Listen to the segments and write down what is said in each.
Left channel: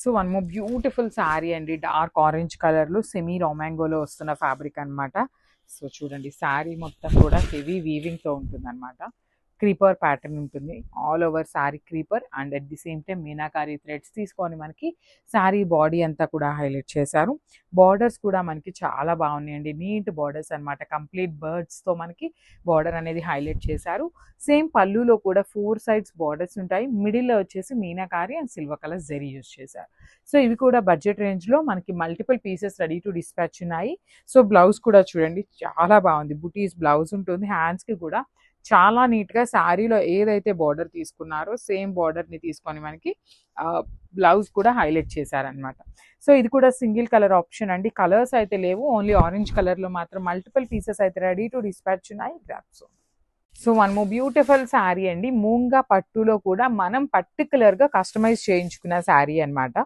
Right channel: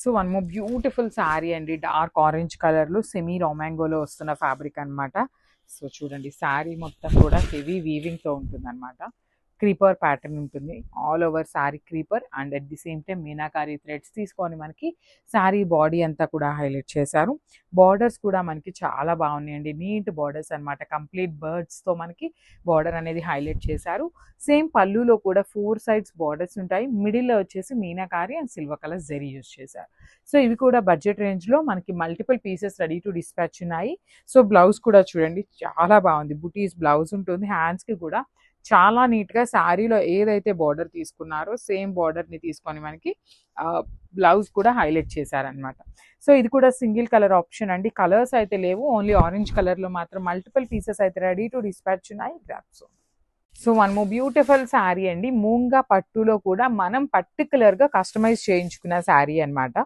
So one more beautiful sari అండి, dark orange కలర్లో semi రామాంగోలో వస్తున్న ఫ్యాబ్రిక్ అనమాట. సో చూడండి శారీ మొత్తం కూడా హెవీ వీవింగ్తో ఉంటుంది అనమాట. క్రీపర్ ప్యాటర్న్ ఉంటుంది, all over sari creeper and at the same time meenakari threads తీసుకొని మనకి శారీ బాడీ అంతా కూడా హైలైట్ చేశారు. బార్డర్స్ కూడా మనకి చాలా బాగున్నాయండి, నీట్ బార్డర్స్ అనమాట. కంప్లీట్ బర్డ్స్తో మనకి బార్డర్ అనేది హైలైట్ చేశారు. సేమ్ పళ్ళులో కూడా 4 sides బార్డర్స్ ఉంటాయి. మిడిల్లో వచ్చేసి meenakari and silver colour zari use చేశారు. సో ఇవి కూడా బడ్జెట్ రేంజ్లో మనకి multiple pieces ready to dispatch ఉన్నాయి. సో బ్లౌజ్ కూడా చూడండి చాలా బాగుంది, బుటీస్ బ్లౌజ్ ఉంటుంది. హ్యాండ్స్కి కూడా చాలా నీట్గా శారీలో ఏదైతే బార్డర్ తీసుకున్నారో సేమ్ బార్డర్ని తీసుకొని మనకి బ్లౌజ్ కూడా హైలైట్ చేశారనమాట. సో ఇది కూడా సింగిల్ కలర్ ఆప్షన్ అండి, కలర్స్ అయితే లేవు, ఓన్లీ ఆరెంజ్ కలర్లో మాత్రం మల్టిపుల్ పీసెస్ అయితే రెడీ టు డిస్పాచ్ ఉన్నాయి. Grasp. So one more beautiful sari అండి, మూంగా పట్టులో కూడా మనం పర్టికులర్గా కస్టమైజ్ చేయించుకున్న శారీ అనమాట.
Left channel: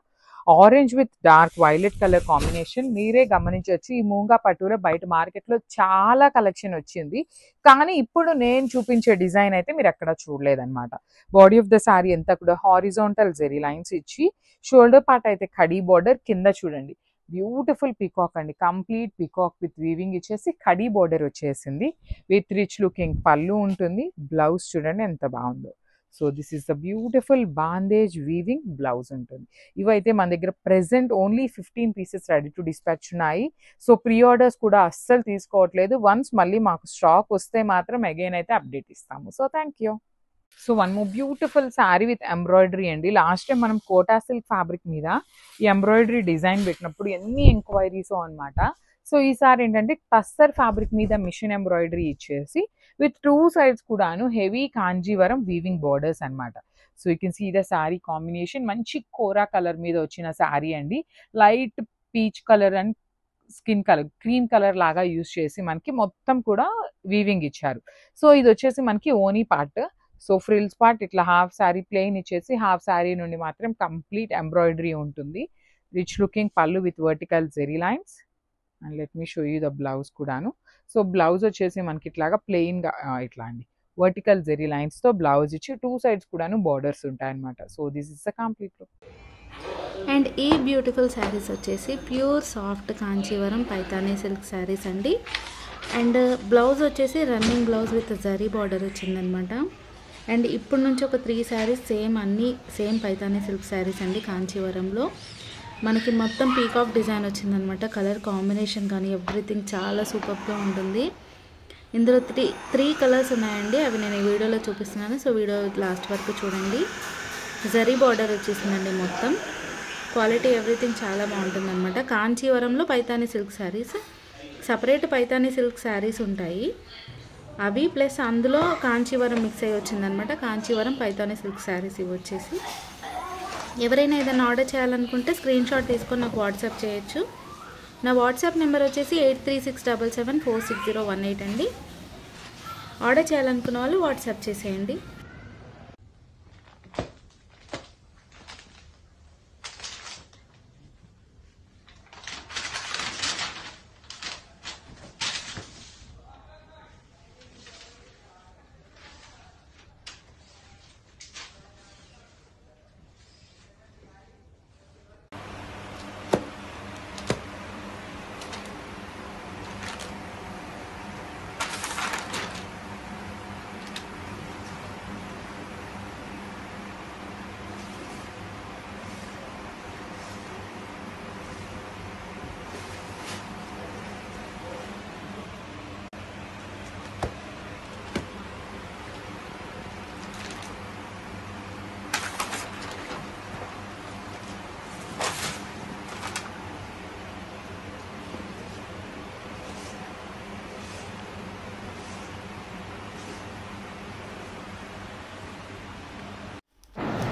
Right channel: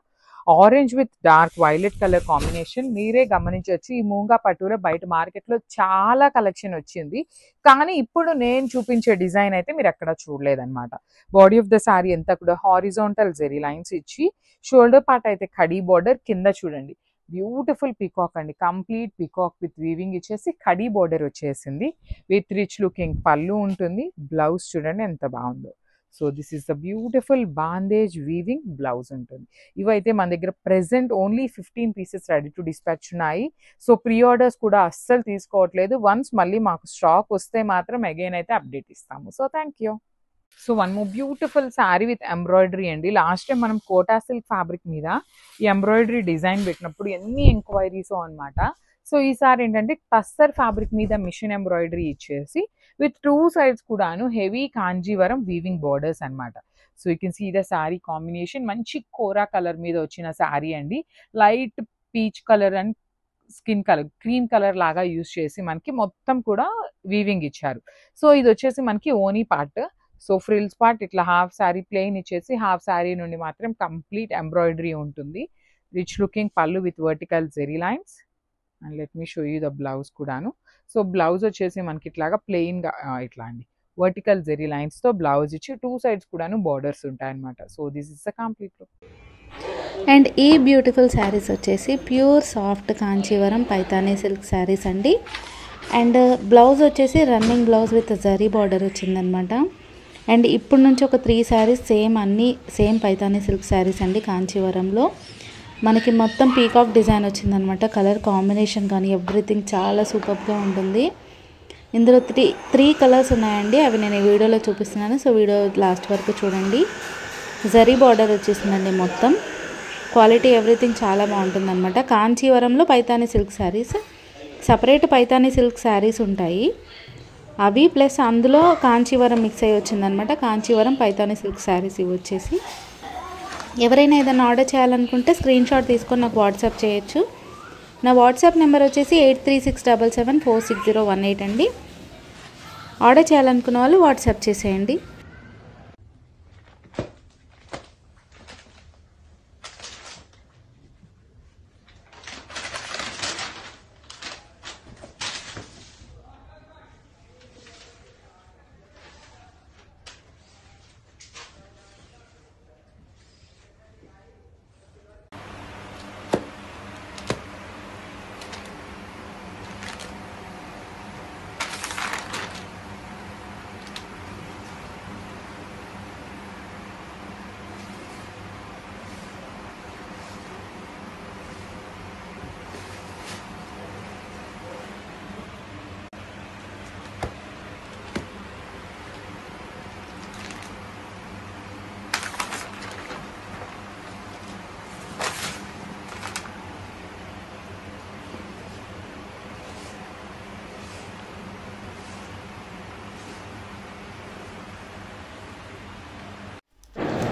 Orange with dark violet colour combination. మీరే గమనించవచ్చు ఈ మూంగా పట్టులో బయట మార్కెట్లో చాలా కలెక్షన్ వచ్చింది, కానీ ఇప్పుడు నేను చూపించే డిజైన్ అయితే మీరు ఎక్కడ చూడలేదన్నమాట. బాడీ ఆఫ్ ద శారీ అంతా కూడా హారిజాంటల్ జెరీ లైన్స్ ఇచ్చి, షోల్డర్ పార్ట్ అయితే కడీ బార్డర్, కింద చూడండి బ్యూటిఫుల్ పీకాక్ అండి, కంప్లీట్ పీకాక్ విత్ వీవింగ్ ఇచ్చేసి కడీ బార్డర్ వచ్చేసింది. విత్ రిచ్ లుకింగ్ పళ్ళు ఉంటుంది. బ్లౌజ్ చూడండి ఎంత బాగుందో. So this is the beautiful bandhej weaving blouse ఉంటుంది. ఇవైతే మన దగ్గర present only 15 pieces ready to dispatch ఉన్నాయి. సో ప్రీ ఆర్డర్స్ కూడా అస్సలు తీసుకోవట్లేదు. వన్స్ మళ్ళీ మాకు స్టాక్ వస్తే మాత్రం అగైన్ అయితే అప్డేట్ ఇస్తాము. So thank you. So one more beautiful sari with embroidery అండి. లాస్ట్ టైం మనం కోటా సిల్క్ ఫ్యాబ్రిక్ మీద ఈ ఎంబ్రాయిడరీ డిజైన్ పెట్టినప్పుడు ఎన్ని ఎంక్వైరీస్ అనమాట. సో ఈసారి ఏంటంటే టస్సర్ ఫ్యాబ్రిక్ మీద మిషన్ ఎంబ్రాయిడరీ ఇచ్చేసి విత్ 2 sides కూడాను హెవీ కాంజీవరం వీవింగ్ బార్డర్స్ అనమాట. So you can see the sari combination, మంచి కోరా కలర్ మీద వచ్చిన శారీ అండి. Light peach colour and skin colour cream colour లాగా యూజ్ చేసి మనకి మొత్తం కూడా వీవింగ్ ఇచ్చారు. సో ఇది వచ్చేసి మనకి ఓనీ పార్ట్. సో ఫ్రిల్స్ పార్ట్ ఇట్లా హాఫ్ శారీ ప్లెయిన్ ఇచ్చేసి హాఫ్ శారీ నుండి మాత్రం కంప్లీట్ ఎంబ్రాయిడరీ ఉంటుంది. Rich looking pallu with vertical zari lines. And let me show you the blouse కూడాను. సో బ్లౌజ్ వచ్చేసి మనకి ఇట్లాగా ప్లెయిన్గా ఇట్లా అండి వర్టికల్ జెరీ లైన్స్తో బ్లౌజ్ ఇచ్చి 2 sides కూడాను బార్డర్స్ ఉంటాయన్నమాట. So this is the complete look. And ఈ బ్యూటిఫుల్ శారీస్ వచ్చేసి pure soft Kanjeevaram Paithani silk saris అండి. అండ్ బ్లౌజ్ వచ్చేసి running blouse with zari border వచ్చిందనమాట. అండ్ ఇప్పుడు నుంచి ఒక 3 sarees అన్నీ సేమ్ పైతానీ సిల్క్ శారీస్ అండి. కాంచీవరంలో మనకి మొత్తం పీకాక్ డిజైన్ వచ్చిందనమాట. కలర్ కాంబినేషన్ కానీ ఎవ్రీథింగ్ చాలా సూపర్గా ఉంటుంది. ఇందులో త్రీ కలర్స్ ఉన్నాయండి, అవి నేను ఈ వీడియోలో చూపిస్తున్నాను. సో వీడియో లాస్ట్ వరకు చూడండి. జరీ బార్డర్ వచ్చేసిందండి మొత్తం. క్వాలిటీ ఎవ్రీథింగ్ చాలా బాగుంటుంది అనమాట. కాంచీవరంలో Paithani silk sarees, separate Paithani silk sarees ఉంటాయి అవి, ప్లస్ అందులో కాంచీవరం మిక్స్ అయ్యి వచ్చిందనమాట. కాంచీవరం పైతానీ సిల్క్ శారీస్ ఇవి వచ్చేసి. ఎవరైనా ఏదైనా ఆర్డర్ చేయాలనుకుంటే స్క్రీన్ షాట్ తీసుకొని నాకు వాట్సాప్ చేయొచ్చు. నా వాట్సాప్ నెంబర్ వచ్చేసి 8367746018 అండి. ఆర్డర్ చేయాలనుకున్న వాళ్ళు వాట్సాప్ చేసేయండి.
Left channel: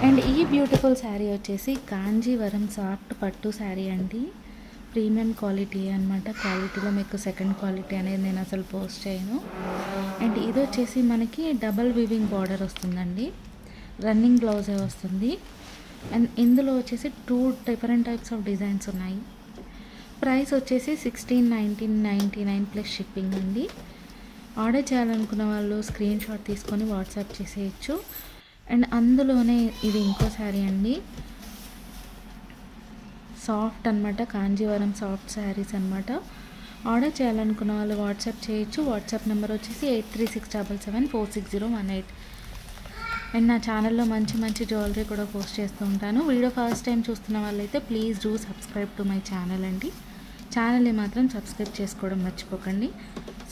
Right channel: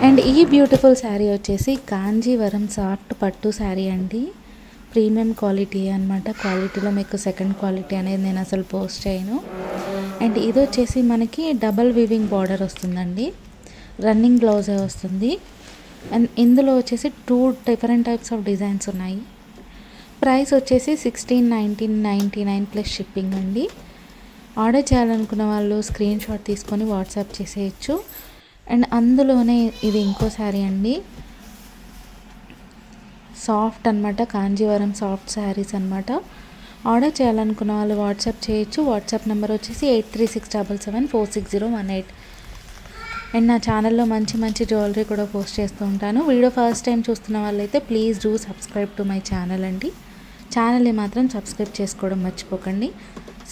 అండ్ ఈ బ్యూటిఫుల్ శారీ వచ్చేసి కాంజీవరం సాఫ్ట్ పట్టు శారీ అండి. ప్రీమియం క్వాలిటీ అనమాట. క్వాలిటీలో మీకు సెకండ్ క్వాలిటీ అనేది నేను అసలు పోస్ట్ చేయను. అండ్ ఇది వచ్చేసి మనకి డబల్ వీవింగ్ బార్డర్ వస్తుందండి, రన్నింగ్ బ్లౌజే వస్తుంది. అండ్ ఇందులో వచ్చేసి 2 different టైప్స్ ఆఫ్ డిజైన్స్ ఉన్నాయి. ప్రైస్ వచ్చేసి 1699 ప్లస్ షిప్పింగ్ అండి. ఆర్డర్ చేయాలనుకున్న వాళ్ళు స్క్రీన్ షాట్ తీసుకొని వాట్సాప్ చేసేయచ్చు. అండ్ అందులోనే ఇది ఇంకో శారీ అండి, సాఫ్ట్ అనమాట, కాంజీవరం సాఫ్ట్ శారీస్ అనమాట. ఆర్డర్ చేయాలనుకున్న వాళ్ళు వాట్సాప్ చేయొచ్చు. వాట్సాప్ నెంబర్ వచ్చేసి 8367746018. అండ్ నా ఛానల్లో మంచి మంచి జ్యువెలరీ కూడా పోస్ట్ చేస్తూ ఉంటాను. వీడియో ఫస్ట్ టైం చూస్తున్న వాళ్ళైతే please do subscribe to my channel అండి. ఛానల్ని మాత్రం సబ్స్క్రైబ్ చేసుకోవడం మర్చిపోకండి.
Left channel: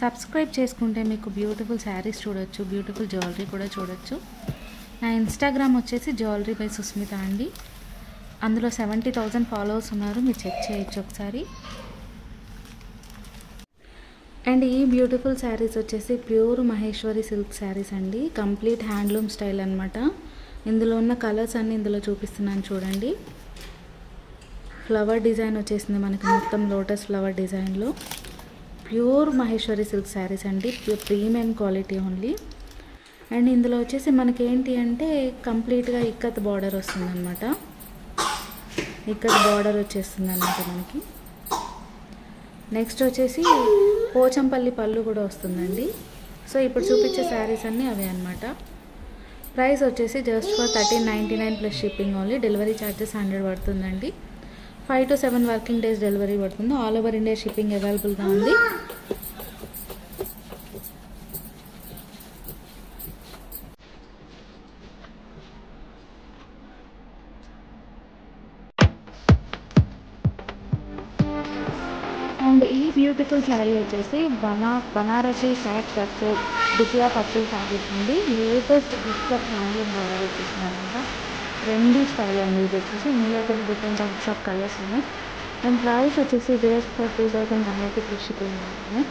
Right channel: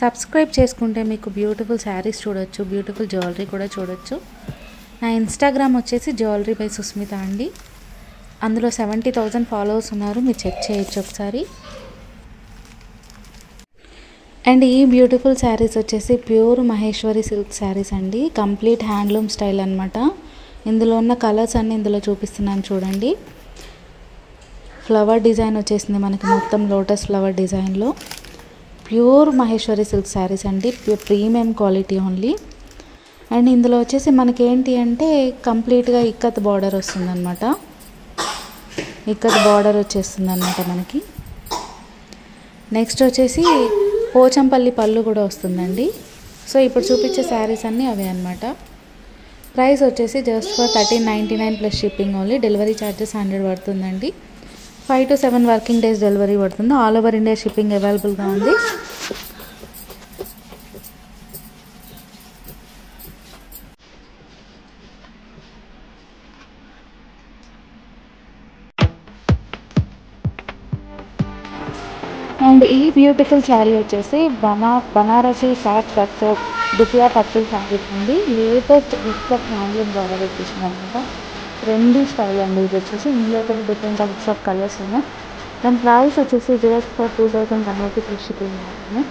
సబ్స్క్రైబ్ చేసుకుంటే మీకు బ్యూటిఫుల్ శారీస్ చూడొచ్చు, బ్యూటిఫుల్ జ్యువెలరీ కూడా చూడొచ్చు. నా ఇన్స్టాగ్రామ్ వచ్చేసి జ్యువెలరీ బై సుస్మిత అండి. అందులో 70,000 ఫాలోవర్స్ ఉన్నారు, మీరు చెక్ చేయొచ్చు ఒకసారి. అండ్ ఈ బ్యూటిఫుల్ శారీస్ వచ్చేసి ప్యూర్ మహేశ్వరి సిల్క్ శారీస్ అండి. కంప్లీట్ హ్యాండ్లూమ్ స్టైల్ అనమాట. ఇందులో ఉన్న కలర్స్ అన్నీ ఇందులో చూపిస్తున్నాను చూడండి. ఫ్లవర్ డిజైన్ వచ్చేసింది మనకి, మొత్తం లోటస్ ఫ్లవర్ డిజైన్లో. ప్యూర్ మహేశ్వరి సిల్క్ శారీస్ అండి, ప్రీమియం క్వాలిటీ ఓన్లీ. అండ్ ఇందులో వచ్చేసి మనకి ఏంటి అంటే కంప్లీట్గా ఇక్కత్ బార్డర్ వస్తుందన్నమాట. ఇక్కత్ బార్డర్ వచ్చేస్తుంది అనమాట మనకి. నెక్స్ట్ వచ్చేసి పోచంపల్లి పళ్ళు కూడా వస్తుందండి. సో ఇప్పుడు చూపించే శారీస్ అన్నీ అవే అనమాట. ప్రైస్ వచ్చేసి just for 1399 plus shipping only. Delivery charges 100 పడుతుందండి. 5 to 7 వర్కింగ్ డేస్ డెలివరీ పడుతుంది. ఆల్ ఓవర్ ఇండియా షిప్పింగ్ అవైలబుల్గా ఉంది. అండ్ ఈ బ్యూటిఫుల్ శారీ వచ్చేసి బనారసి సాఫ్ట్ కట్స్ దుపియా పట్టు శారీ ఉంది. లేటెస్ట్ ఇక్కత్ హ్యాండ్లూమ్ ద్వారా వచ్చేసింది అనమాట. ట్రెండీ స్టైల్ అండి ఇది వచ్చేసి. ఇందులో కూడా డిఫరెంట్ టైప్స్ ఆఫ్ కలర్స్ ఉన్నాయి. దాని ప్రైస్ వచ్చేసి జస్ట్ ఫర్ 2000 ఫ్రీ షిప్పింగ్ ఉంటుంది.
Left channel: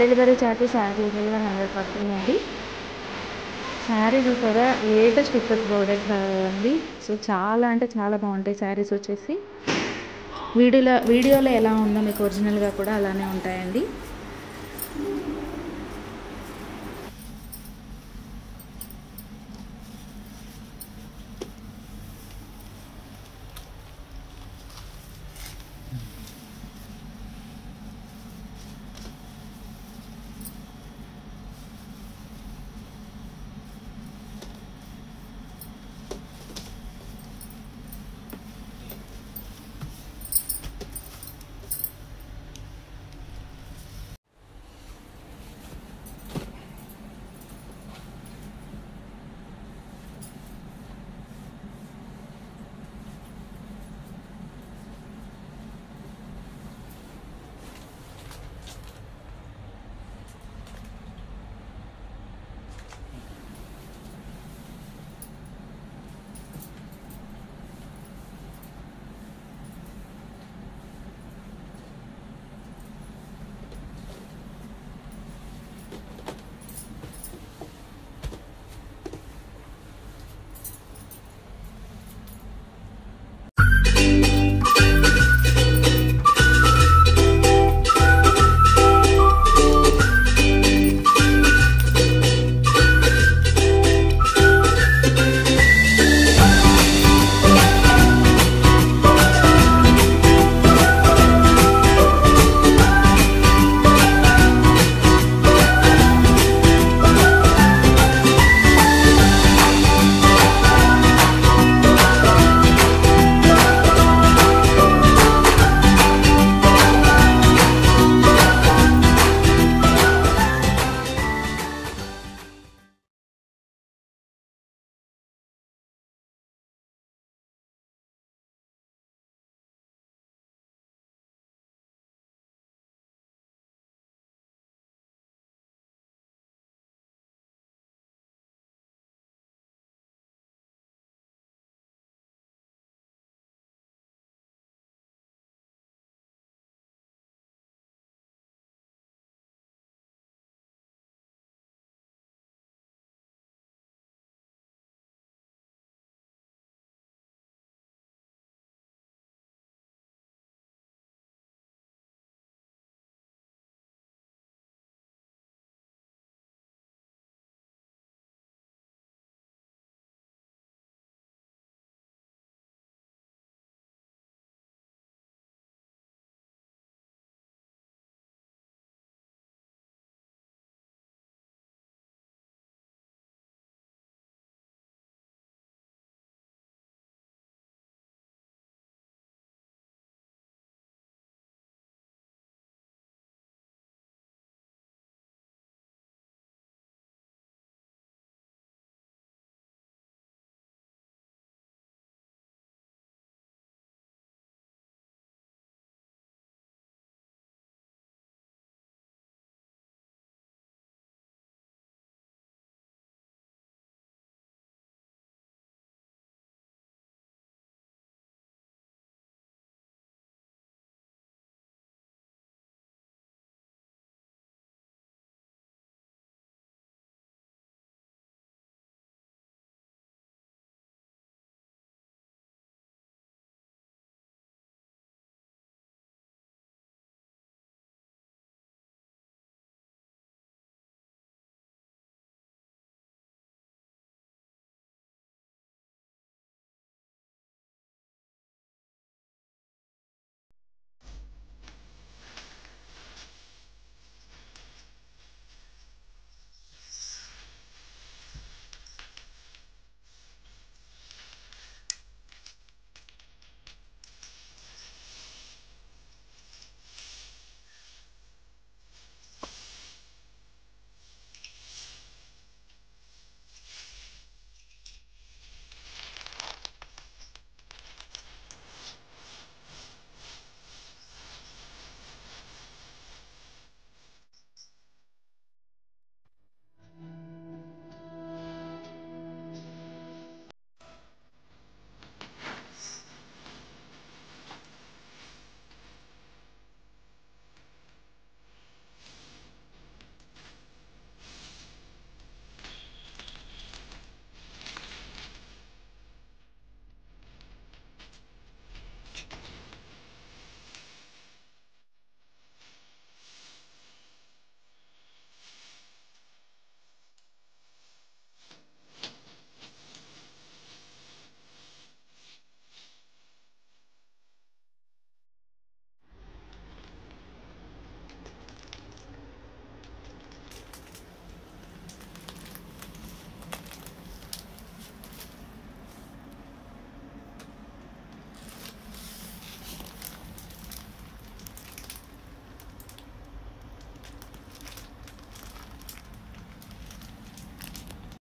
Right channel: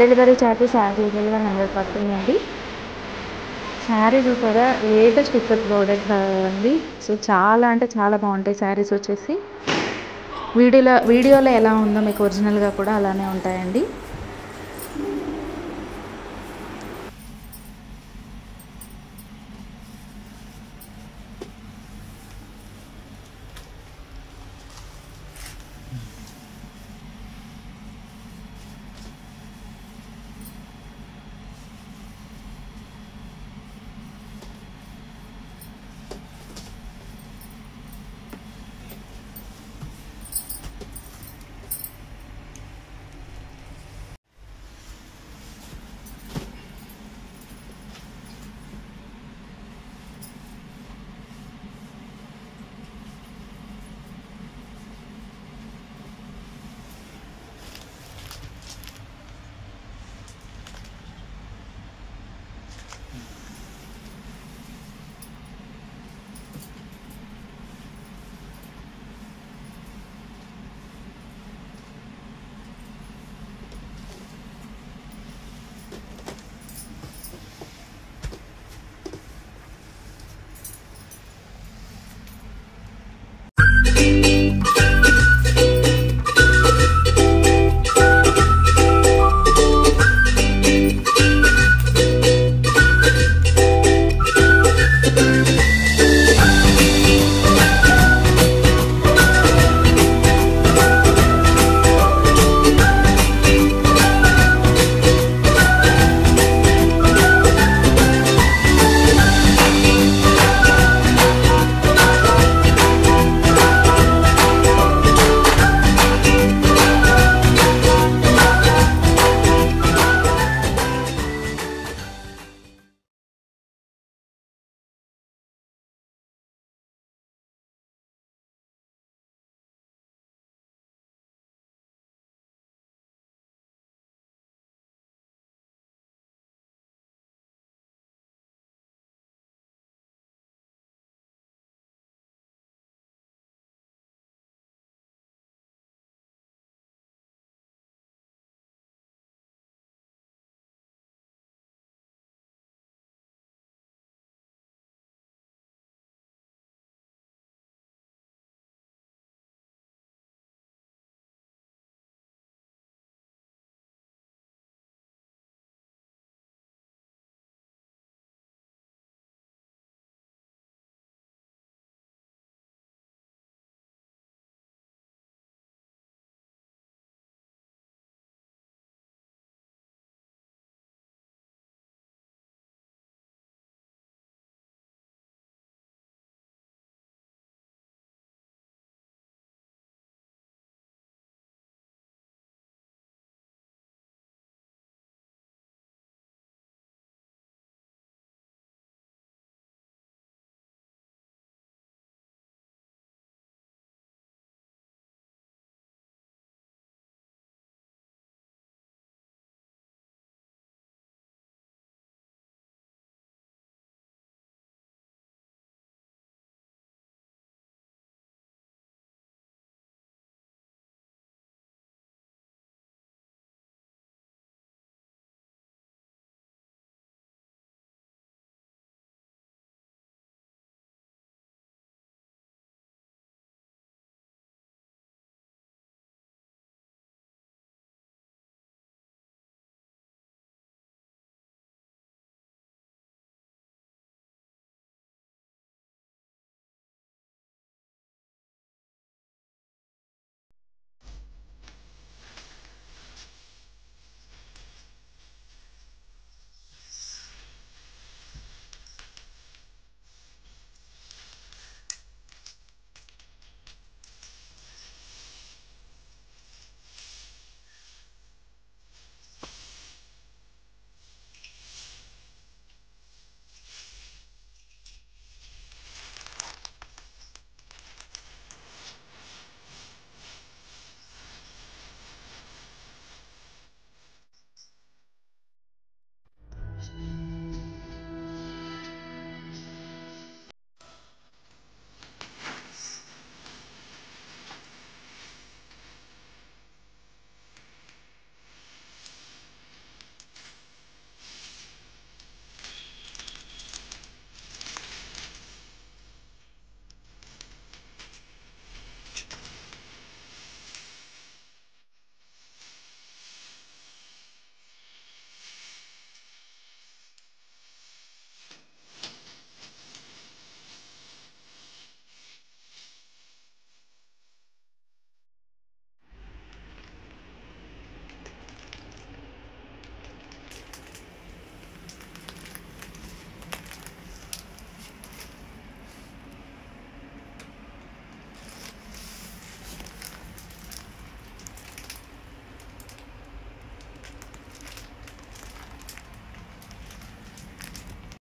డెలివరీ ఛార్జెస్ 100 పడుతుందండి. శారీ చూసారా, లేటెస్ట్ ఇక్కత్ ప్రోడక్ట్ అండి. సో చాలా అంటే చాలా బాగుంటాయి శారీస్ వచ్చేసి. వీడియోలో ఎలా ఉందో మీకు ఒరిజినల్గా కూడా అలానే ఉంటాయండి.